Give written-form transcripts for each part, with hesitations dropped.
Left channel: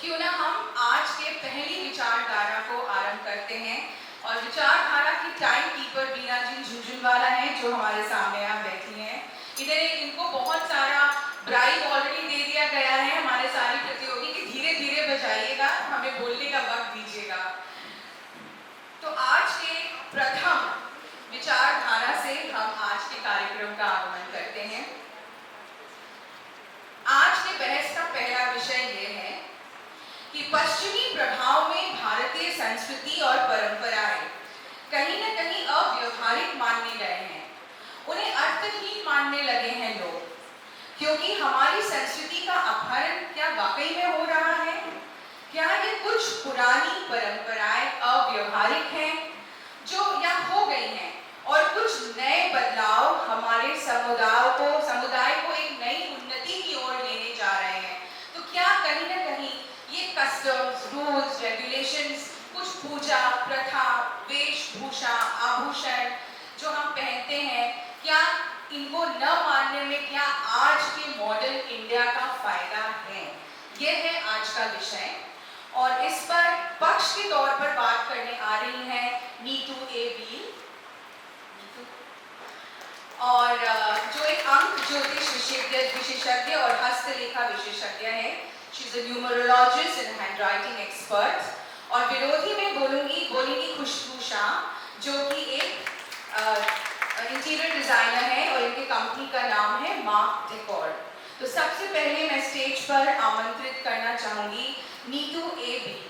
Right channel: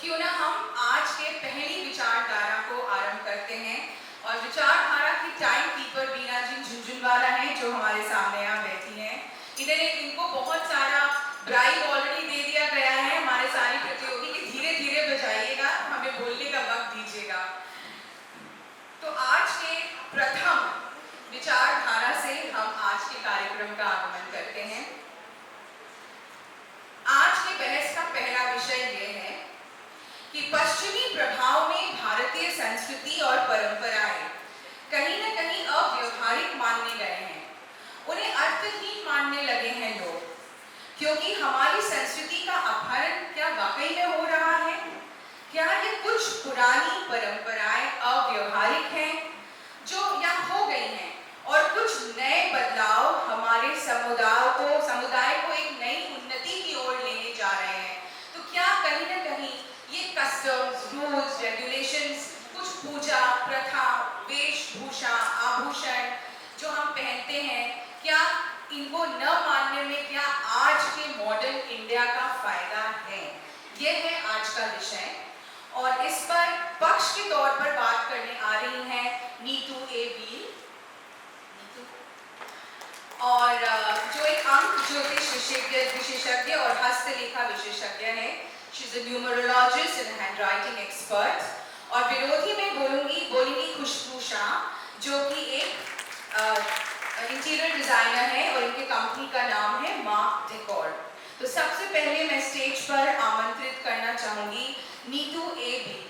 क्यों ना हम आज के पहली विचारधारा को आरंभ करते हैं। और विचारधारा की टाइम कीपर बीना जी झुंझुनवाला हैं, जो हमारे सामने यहाँ बैठी हैं। इनको बहुत सारा ब्राइब ऑलरेडी दे दिया गया है हमारे सारे प्रतियोगी कि धीरे धीरे बजाइएगा, हमें बोलने का वक्त दीजिएगा। तो आज के प्रथम विचारधारा से हम आज के कार्यक्रम का आगमन करते हैं। आज के बहस का पहला विषय यह है कि पश्चिमी प्रभाव में भारतीय संस्कृति और परंपराएं कहीं न कहीं अव्यवहारिक मानने गए हैं, उन्हें अर्थहीन मानने लगे हैं लोग, क्योंकि हमारी संस्कृति का अपहरण क्या वाकई में हो रहा है? क्या ये कुछ पुरानी परंपराएं अव्यवहारिक हैं जो या हो गई हैं और कुछ नए बदलाव हमारे समुदाय को एक नई उन्नति की ओर लेने जा रहे हैं? तो क्या कहीं न कहीं ये कस्टम्स, रूल्स, रेगुलेशंस, कुछ पूजा प्रथा, वेशभूषा, आभूषण जो हम पहनते हैं, क्या इनको न मानने में क्या आज के मॉडर्न इंडिया का फायदा है? यह है आज का विषय। और इस पर पक्ष के तौर पर बात करने आ रही हैं नीतू ए बी, और जो एक अंक ज्योतिष विशेषज्ञ और हस्तलेखा विशेषज्ञ है। She is a numerologist and handwriting expert. और विरोधी में बोलेंगी खुशबू शाह, जो कि एक इंटीरियर डिजाइनर है और इनके कंपनी का नाम है मार्क डेकोर। तो सबसे पहले मैं स्टेज पर आमंत्रित करना चाहूंगी नीतू ए बी को।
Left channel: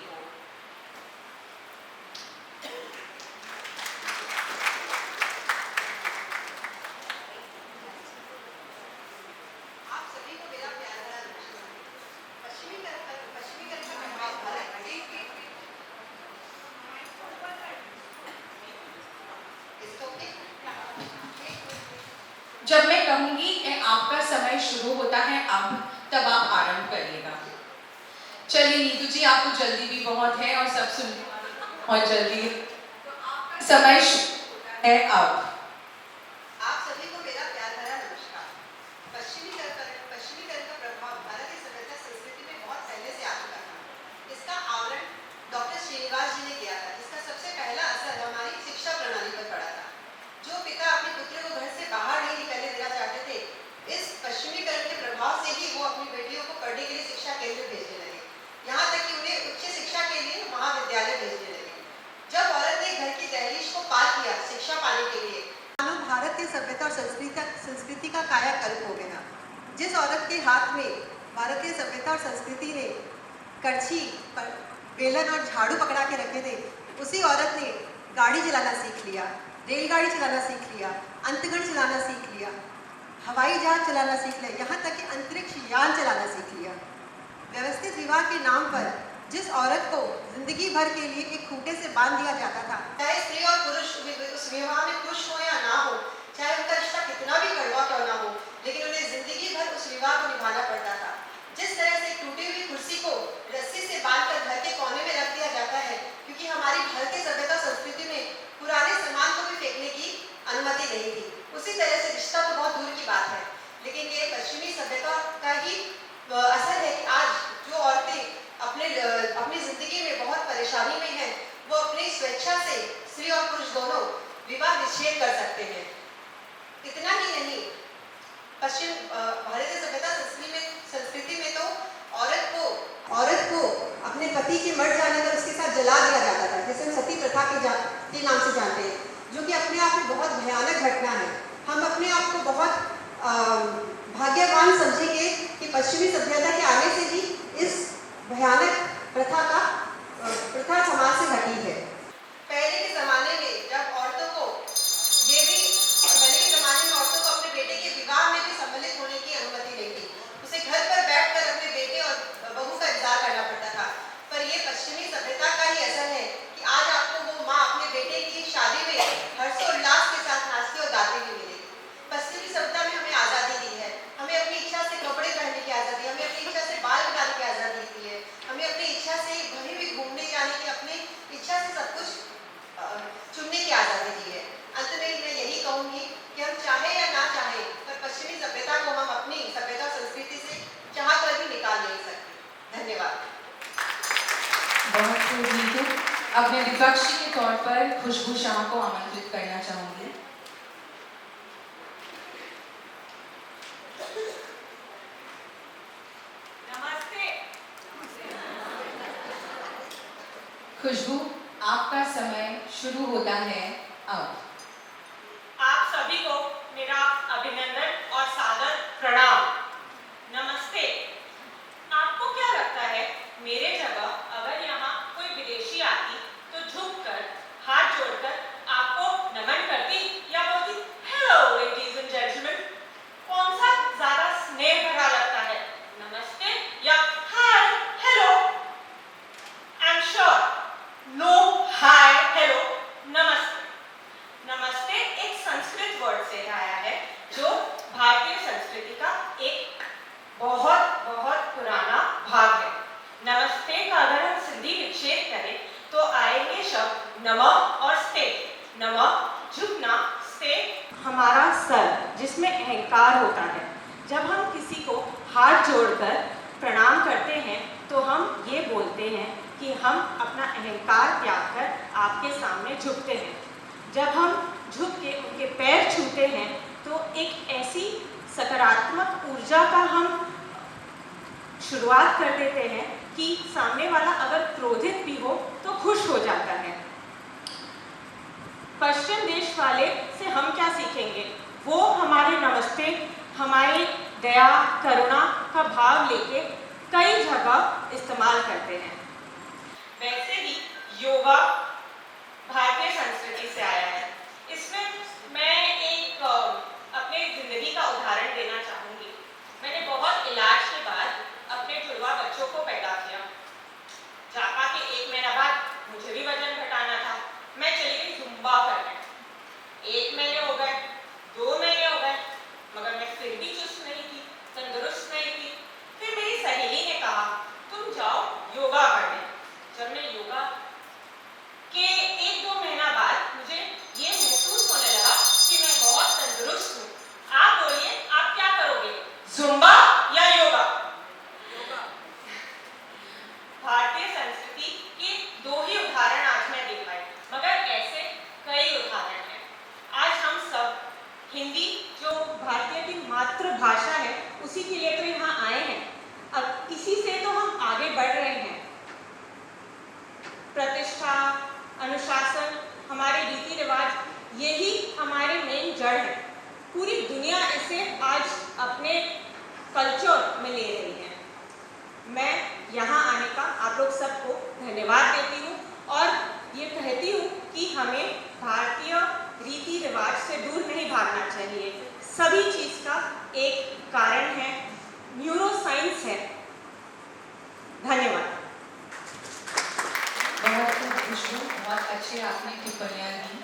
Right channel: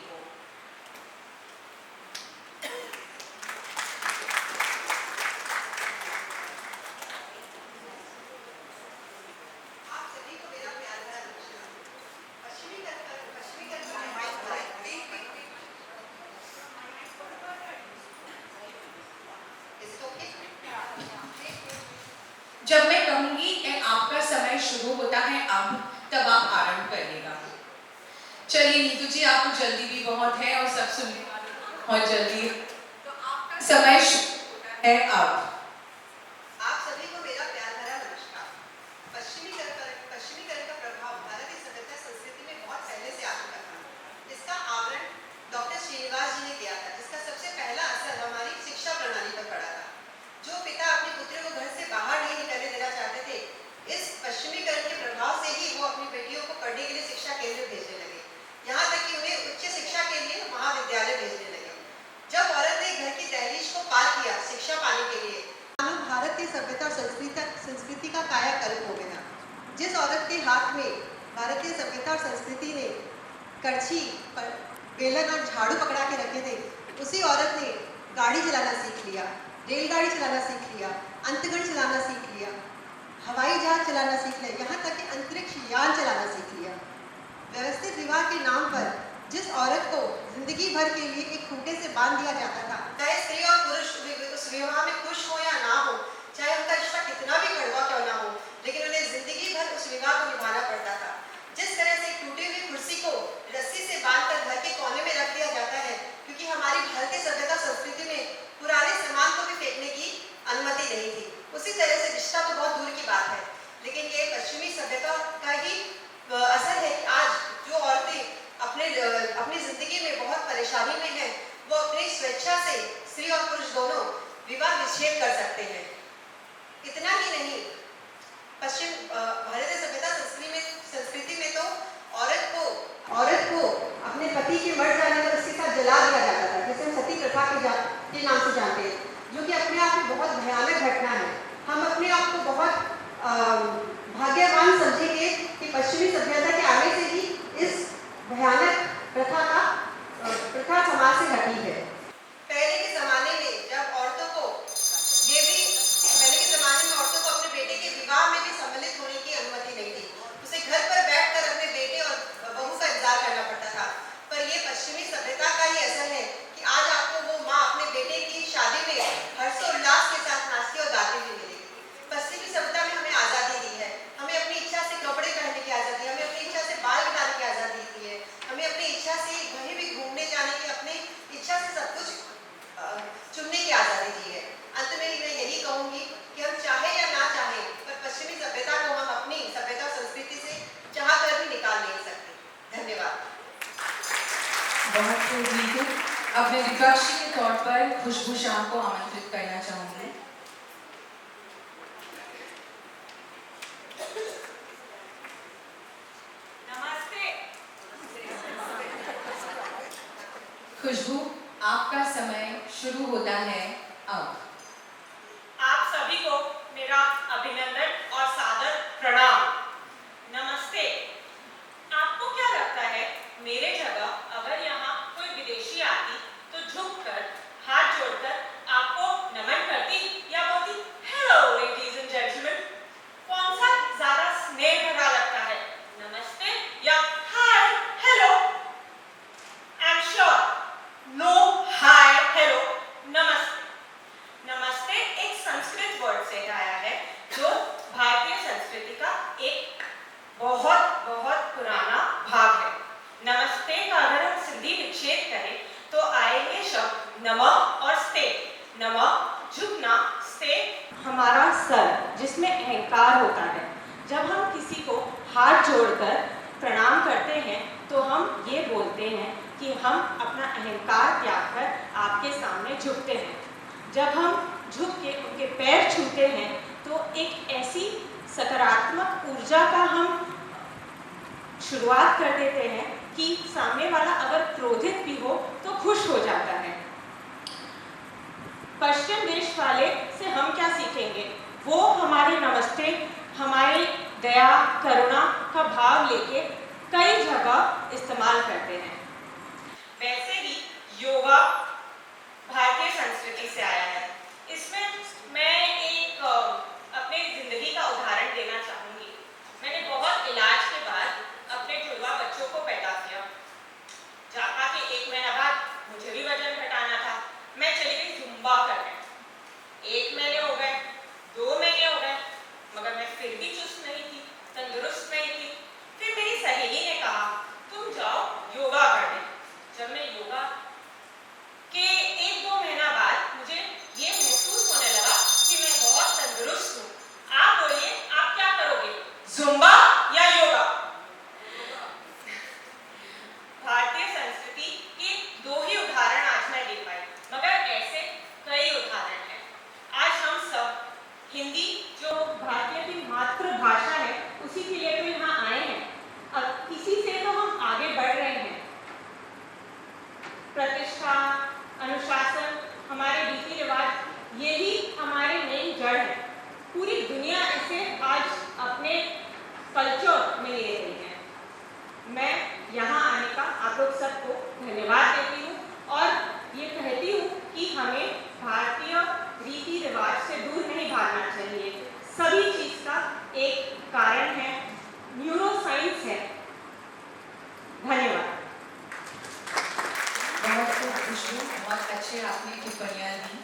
जब मैं कहूंगी कि आपका समय शुरू होता है अब, तब आप आरंभ करिएगा। चलिए नीतू जी, आपको जल्दी भी बहुत है और सब सुनने वाले बहुत जल्दी है, तो आपका समय शुरू होता है अब। आप सभी को मेरा प्यार भरा नमस्कार। पश्चिमीकरण का प्रभाव भारतीय सभ्यता संस्कृति में बहुत पहले से आ चुका था। इसका आवरण डॉक्टर श्रीनिवास जी ने किया था, जिसका सबसे पहला असर हमारी शिक्षा प्रणाली पर पड़ा था। जो पिता अपने पुत्र को घर से बाहर नहीं निकलने देना चाहते थे, इस पश्चिमीकरण के प्रभाव से ही वो अपनी बेटियों को पढ़ने के लिए शिक्षा केंद्र भेजने लगे, यहाँ तक कि उन्हें उच्च शिक्षा के लिए महाविद्यालय भेजने लगे। जब औरत ने घर की दहलीज को पार किया शिक्षा पाने के लिए, भारतीय सभ्यता और संस्कृति का कायाकल्प हो गया। जिस औरत के हाथ में भारतीय सभ्यता और संस्कृति ने करछी, बेलन और झाड़ू पकड़ा के रखे थे, उसी औरत ने गाड़ी चलाना सीख लिया, रेलगाड़ी चलाना सीख लिया, अंतगण चलाना सीख लिया, हवाई जहाज चलाना सीख लिया, यहाँ तक कि अंतरिक्ष यान चलाना सीख लिया। व्यवस्थित विवाह के नाम पर जिस औरत को जिंदगी भर के लिए एक खूंटे से बांध दिया जाता था, चाहे स्त्री और पुरुष उस विवाह में खुश हो या ना हो, चाहे उनका रिश्ता कितना भी कड़वा क्यों ना हो, लेकिन उन्हें जिंदगी भर उस विवाह को निभाना पड़ता था। जिस तरह से टूटी हुई कुर्सी को रस्सी से बांधकर घर के कोने में रख दिया जाता है, क्योंकि हमारी भारतीय सभ्यता संस्कृति में पुराने सामान को भी फेंकने की अनुमति नहीं थी, उसी तरह से रिश्ता तो बहुत दूर की बात है, लेकिन ये पश्चिमी सभ्यता का ही असर है कि आज जो औरतें अपनी जिंदगी में बहुत परेशानी में हैं, वो अपनी स्वेच्छा से स्त्री और पुरुष दोनों विवाह विच्छेद कर सकते हैं। इतना ही नहीं, पश्चिम भारतीय सभ्यता संस्कृति में तो औरत को अपने पति के मर जाने पर उसके साथ जला दिया जाता था, जिसे हम सती प्रथा के नाम से जानते हैं, जो कि अपने आप में बहुत भयानक घटना है। हम अपने आप को बहुत भाग्यवान समझेंगे कि पश्चिमी सभ्यता के आने से ही इस भयानक प्रथा समाज से हटी है। पहले के ज़माने में औरतों को अपने बेटे के विवाह में भी सम्मिलित होने की अनुमति नहीं थी, उसे घर पर बैठकर अपने बेटे और बहू का इंतजार करना पड़ता था। पर ये पश्चिमी सभ्यता का ही असर है कि आज आपको वो माँ अपने बेटे की शादी में हर्षोल्लास के साथ नाचती और गाती हुई मिलेगी। पश्चिमी सभ्यता में हमें आज़ादी दी है, हमें अपनी इच्छा से कपड़े पहनने की आज़ादी, हमें अपनी इच्छा से बाल बहुत खूब नीतू। अब मैं विपक्षी के तौर पर खुशबू शाह को आमंत्रित करना चाहूंगी। नमस्ते। खुशबू, आपका समय शुरू होता है अब। आप सभी को मेरा अभिनंदन और सादर प्रणाम। नमस्ते। आपको क्या लगता है, मेरे जगह अगर यहाँ कोई विदेशी आती तो झुककर हाथ जोड़कर आपको नमन करती या बोलती हेलो लेडीज एंड जेंटलमैन? कौन सा ज्यादा स्नेह भरा लगता है, नमस्ते या hi hello? I am sure no hi hello, नमस्ते। नमस्ते एक संस्कृत वर्ड से आया है जो भारतीय संस्कृति का एक बहुत बहुत पुराना भाग है। नमस्ते का अगर हम सिंधी विच्छेद करें तो आएंगे शब्द नमः और स्ते। नमः झुकना, स्ते हमारा सर जिसमें अहंकार होता है। जब हम किसी को हाथ जोड़कर प्रणाम करते हैं तो हम ये बोलते हैं कि हम अपना अहंकार त्याग कर आपके सामने झुकते हैं। जब हम झुक के उनके पैर छूते हैं तो एक ऐसी सकारात्मक ऊर्जा का हम शुरुआत कर देते हैं कि सामने वाला अगर क्रोधित भी हो तो खुश हो जाता है। पश्चिम देश वाले से हम क्या सीखेंगे? वो हमारे नमस्ते, हमारे दया करुणा का भाव लेके कई जगह इस्तेमाल करते हैं। वैसे ही योगा भारतीय संस्कृति से आया है। इसमें मैं एक अपने जिंदगी का उदाहरण देना चाहूंगी। मैंने बहुत इलाज के बाद अपने जुड़वा बच्चों को पैदा किया। जापा के 1 महीना बाद मुझे भी वजन घटाना था। मैं चली गई जुम्बा करने। 1 महीने हो गए, 2 महीने हो गए, मगर मैं फिर भी चुस्त नहीं थी, तंदुरुस्त नहीं थी। फिर मेरी सहेली ने कहा तुम जाओ योगा करने। जब मैं योगा के 1-2 महीना बाद मुझे ये महसूस होने लगा कि मैं बहुत तंदुरुस्त हूँ। आप बोलिए, आप क्या करोगे, जुम्बा या योगा? भारतीय संस्कृति के 2 ही उदाहरण आज मैं दे पाई, मगर ऐसे कई उदाहरण हैं। आज हम सब हिंदी जो भारतीय की मातृभाषा है उसी के लिए तो यहाँ आए हैं। अब इसी से तो हम आगे बढ़ रहे हैं। प्रतिष्ठा, अनुशासन, हमारे रीति रिवाज, यही हमारे मेन जड़ है। पूरी दुनिया इसे आज अपने कल्चर में ले रही है। मैं यहाँ आने का आप लोग सबको धन्यवाद देती हूँ और ये कहती हूँ कि हमें भारतीय रीति रिवाज से दूर नहीं भागना चाहिए। सभी चीज का एक कारण है, न्यूरोसाइंस है। धन्यवाद। बहुत खूब खुशबू, बहुत अच्छे आपने टिप्पणियाँ दी।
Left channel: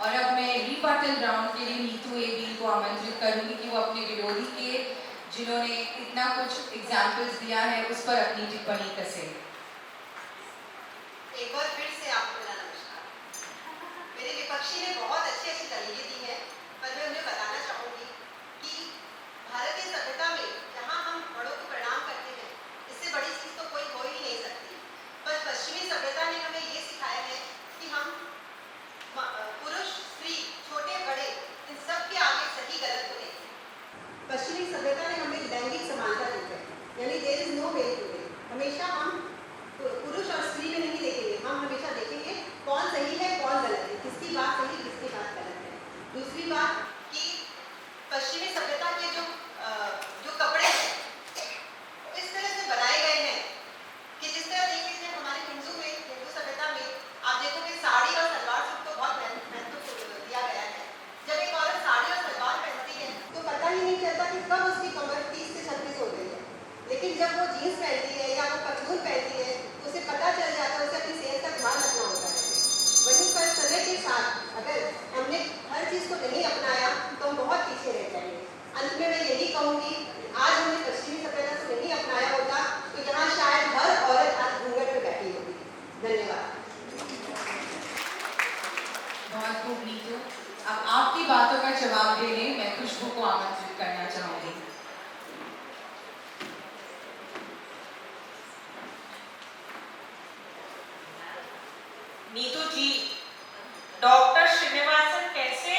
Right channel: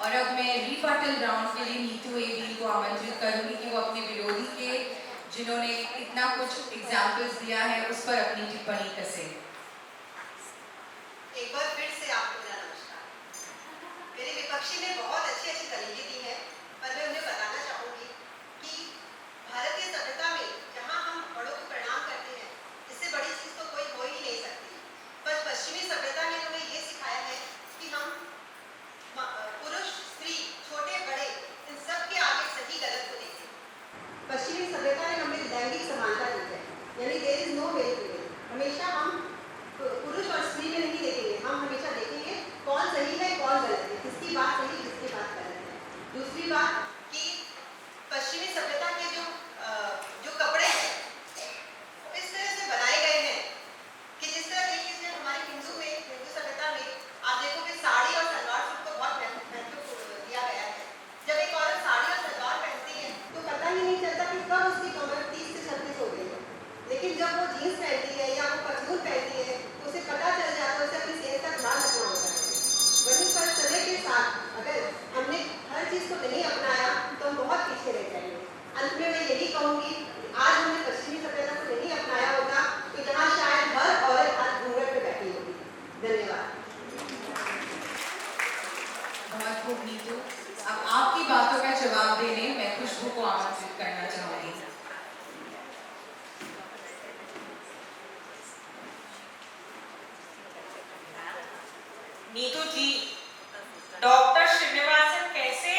और अब मैं रिबटल राउंड के लिए नीतू एडी को आमंत्रित करूंगी कि वो अपने विरोधी के जिन्होंने इतना कुछ एग्जाम्पल्स दिया है उस पर अपनी टिप्पणी कसे। एक बार फिर से आपको मेरा नमस्कार। मेरे विपक्षी ने बहुत अच्छी अच्छी दलीलें दी है, पर मैं उन्हें बताना चाहूंगी कि भारतीय सभ्यता में जहाँ हम बड़ों को प्रणाम करते हैं, इससे बड़ी चीज तो कोई हो ही नहीं सकती। पर पश्चिमी सभ्यता ने हमें ये सिखाया है कि हम पुरुष स्त्री छोटे बड़े इन सब के आगे सही गलत को देखें। पश्चिमी सभ्यता ने हमें लैंगिक समानता दी है, यानी there is no male to male. हमेशा हम पुरुष और स्त्री में नहीं देखेंगे, हम हमेशा देखेंगे कौन सही है कौन गलत है, किसकी बात सही किसकी नीतू जी, डॉक्टर श्रीनिवासन कैसे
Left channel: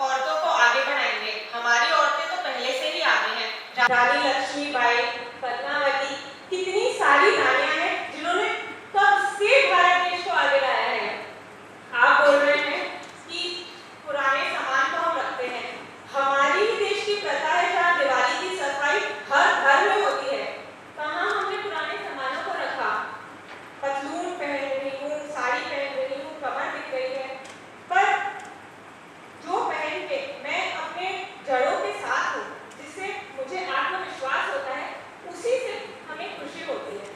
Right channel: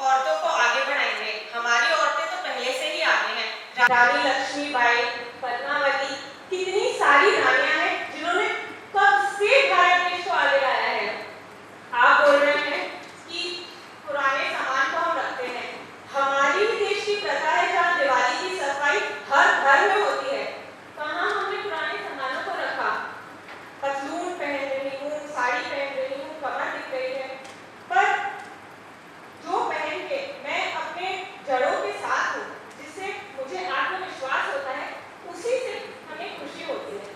औरतों को आगे बढ़ाएंगे? हमारी औरतें तो पहले से ही आगे हैं। रानी लक्ष्मीबाई, पद्मावती, कितनी सारी रानियां हैं जिन्होंने कब से भारत देश को आगे लाया है। आप बोल रहे हैं कि पुराने सामान को हम रखते हैं। हमारी देश की प्रथा है जहाँ दिवाली की सफाई हर घर में होती है। कहाँ हमने पुराने सामानों को रखा? पतलून पहन रही हूँ, साड़ी पहन रही हूँ, कमर दिख रही है, पर जो पहन के मैं अपने जड़ों के साथ हूँ, जिससे मुझे आत्मविश्वास होता है, उसी से हमें खुशी होती है।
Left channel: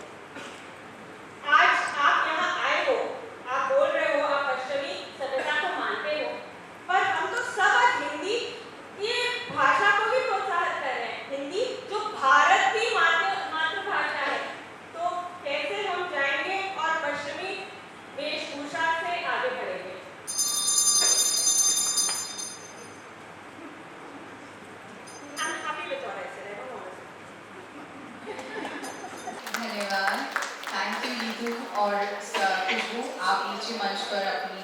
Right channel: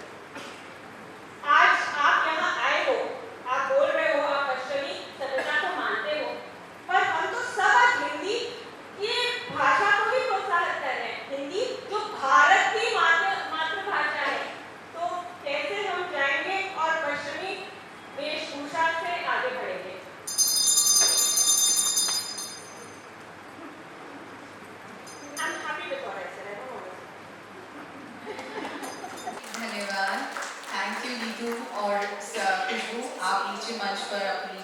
आज आप यहाँ आए हो, आप बोल रहे हो आप पश्चिमी सभ्यता को मानते हो, पर हम तो सब आज हिंदी ये भाषा को ही प्रोत्साहित कर रहे हैं। हिंदी जो भारत की मातृभाषा है, तो कैसे हम जाएंगे और पश्चिमी वेशभूषा से आगे बढ़ेंगे? I'm happy with what I said. I don't know what I said. धन्यवाद। थैंक यू नीतू और खुशबू, आप नीचे मंच पर अपनी